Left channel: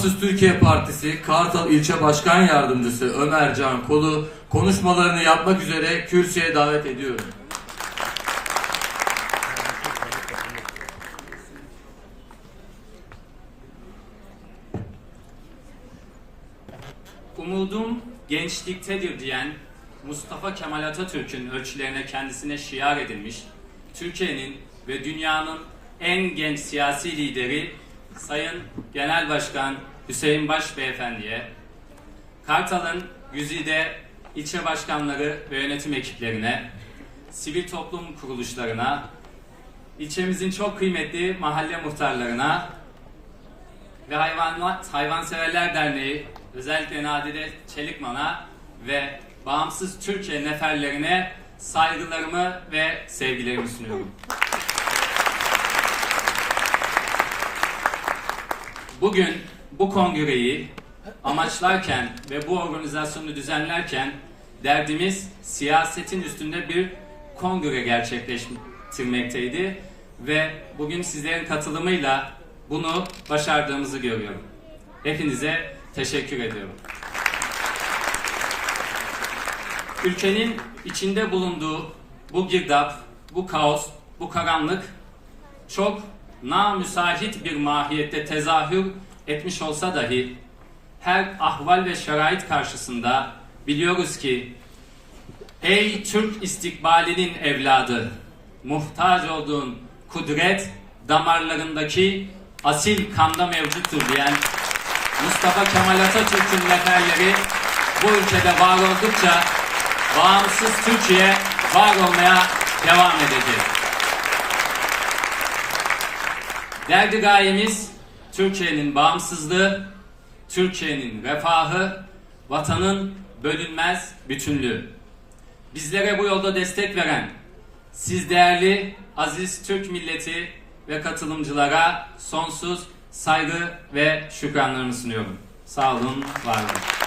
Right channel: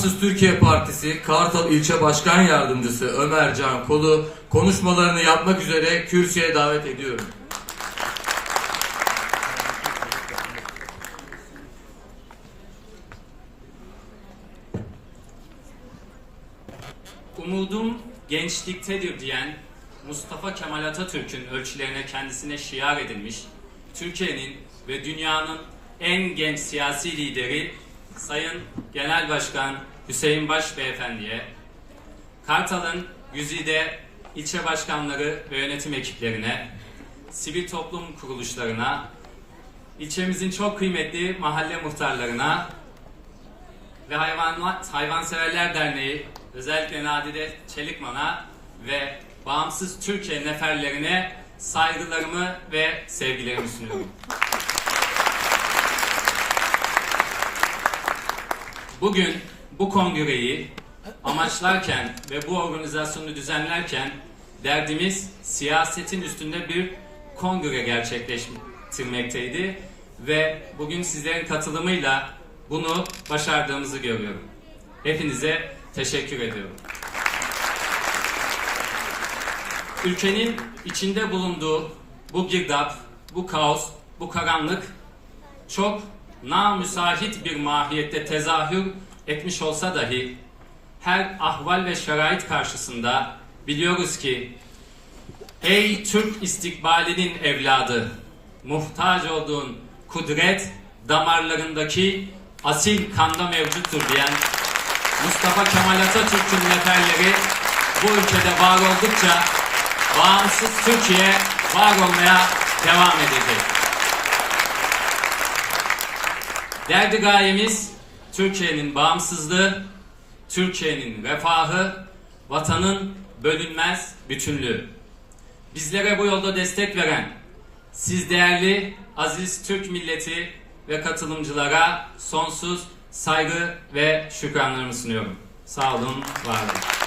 Bağımsız Türkiye Partisi Kartal İlçe Başkan Yardımcısı Ömer Can Kolu konuşmalarını yapmak üzere kürsüye davet ediyorum. Umudum gençliktedir diyen Mustafa Kemal Atatürk'ün ölçülerine kendisine şiar edilmiş, Türkiye'nin ve dünyanın en genç siyasi lideri Sayın Genel Başkan Hüseyin Baş Beyefendi'ye, Kartal'ın güzide ilçe başkanları ve yönetim ekiplerine, sivil toplum kuruluşlarına, ilçemizin çok kıymetli mahalle muhtarlarına, ve Hayvanat Hayvanseverler Derneği özellikle Nadide Çelikman'a ve Bağımsız Türkiye neferlerine saygılarımı ve sevgilerimi sunuyorum. Bugün bu kongreyi amaçlarken ve bu organizasyonu düzenlerken derdimiz siyasetin üstünde bir kongre gerçekleştirmekteydi ve bugün sizlerin katılımıyla bunu başardığımızı görüyorum. Hepinize teşekkür ediyorum. Ülkenin içinde bulunduğu bu girdap, bu kaos, bu karanlık çok namüsait bir mahiyette tezahür etmiş olsa dahi her ahval ve şerait karşısında biliyoruz ki ey Türk istikbalinin evladı muhtaç olduğun kudret damarlarındaki asil kanda mevcuttur diyen Mustafa Kemal Atatürk'ün neferleri bu ülkede var oldukça bağımsız Türkiye var olmaya devam edecek. Derdi gayemiz Türkiye'nin bağımsızlığı, Türkiye'nin refahı, vatanın bölünmez bütünlüğü. Bizlere bu yolda destek veren siz değerli aziz Türk milleti ve katılımcılara sonsuz saygı ve şükranlarımı sunuyorum. Sağ olun, var olun.